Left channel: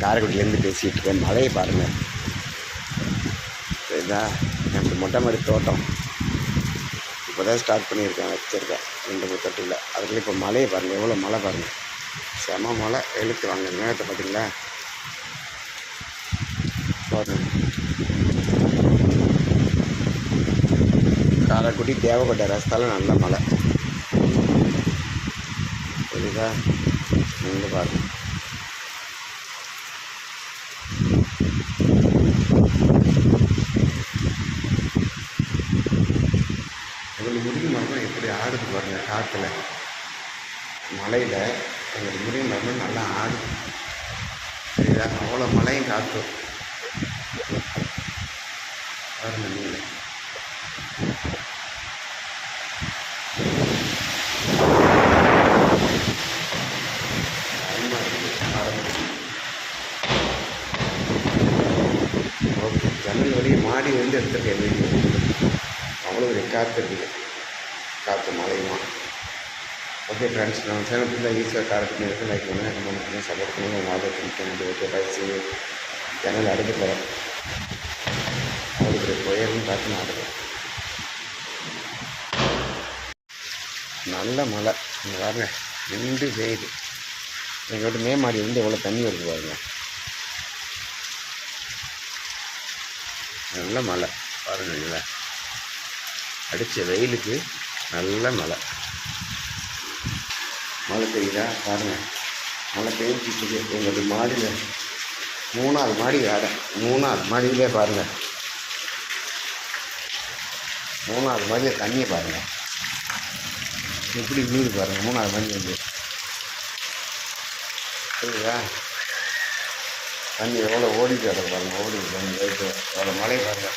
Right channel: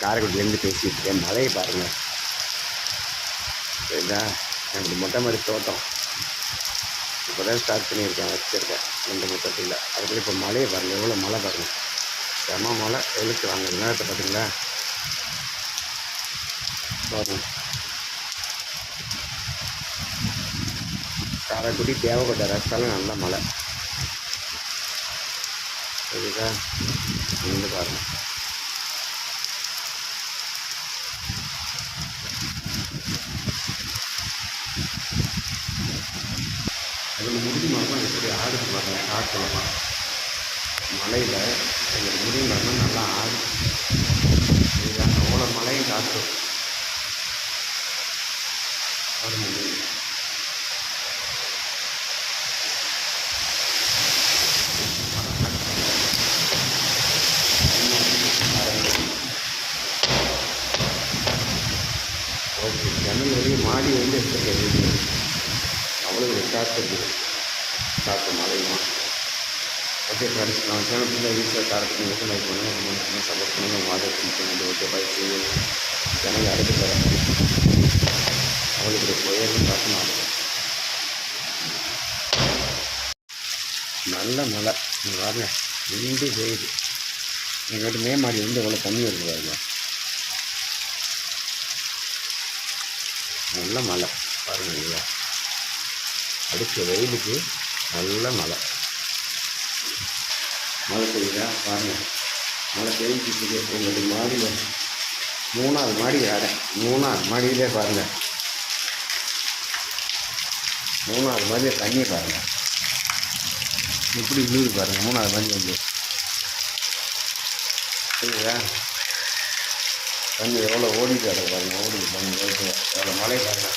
காரைக்குடிலேருந்து பேசிகிட்டு இருக்கேன். மலையை பாருங்கள். சரிதா, எனக்கு மொட்டை மாடி தோட்டம் இப்போ தான் ஸ்டார்ட் பண்ணியிருக்கேன், வச்சுருக்கேன் 2-3 தொட்டியில். அதுக்குள்ளே இப்போ மலையை பாருங்கள், எவ்வளோ மழை பாருங்கள். செம மழை எழுத்து வாங்க நேரத்தை பார்த்தீங்களா பாருங்கள். காரைக்குடி தேவக்கோட்டை ரஸ்தால நல்ல மழை. சரிதா, நீங்கள் பாருங்கள். அதில் முருங்கை மரம் எப்படி ஆடுது பாருங்க, காற்றுல மலையில் எங்களுக்கு முருங்கை மரம் நல்லா ஆடுது. சரிதா, அவ்வளோ மழையும் காற்று பாருங்க. நீங்கள் ஓகே, ஜன்னல் வழியே மாடி வந்து எடுத்துருக்கேன் வீடியோ. அவ்வளோ ஒரு காற்று இருக்குது, காற்று மழையுமா. ஓகே ஃப்ரெண்ட்ஸ், நம்ம சேனல் ஃபுல்லாக யூஸாக காரைக்குடி இருக்குது. லைக் பண்ணுங்கள், கமெண்ட் பண்ணுங்கள், சப்போர்ட் பண்ணுங்கள். உங்கள் ஆதரவு பிடிக்கும். Okay bye, C you. Channel அடைத்து தரேன். அவளுக்கு உயர்ன்னு பார்த்து நாடுவேன். நல்ல மழை இங்கே பாருங்க, நின்று பெய்யுது. எங்கள் வீட்டு மேமாடி வந்து எவ்வளோ தண்ணி வருது பாருங்க. நல்ல மழை பாருங்க. இல்லை அடித்த வெயிலுக்கு நல்ல மழை. மழை பெய்யுதா பாருங்கள், மழை பெய்ஞ்சிட்டு எங்களுடைய மாடியில் 3வது மாடி வேறு. 3வது மாடியிலே பாருங்கள், 3வது மாடியில் தண்ணியை பாருங்கள் எப்படி விழுது பாருங்கள். 3வது மாடி வந்து சரிங்களா, தண்ணி எவ்வளோ ஓடிட்டு அதை பாருங்கள், ஓடிட்டு தண்ணி எவ்வளோ மழை பாருங்கள்.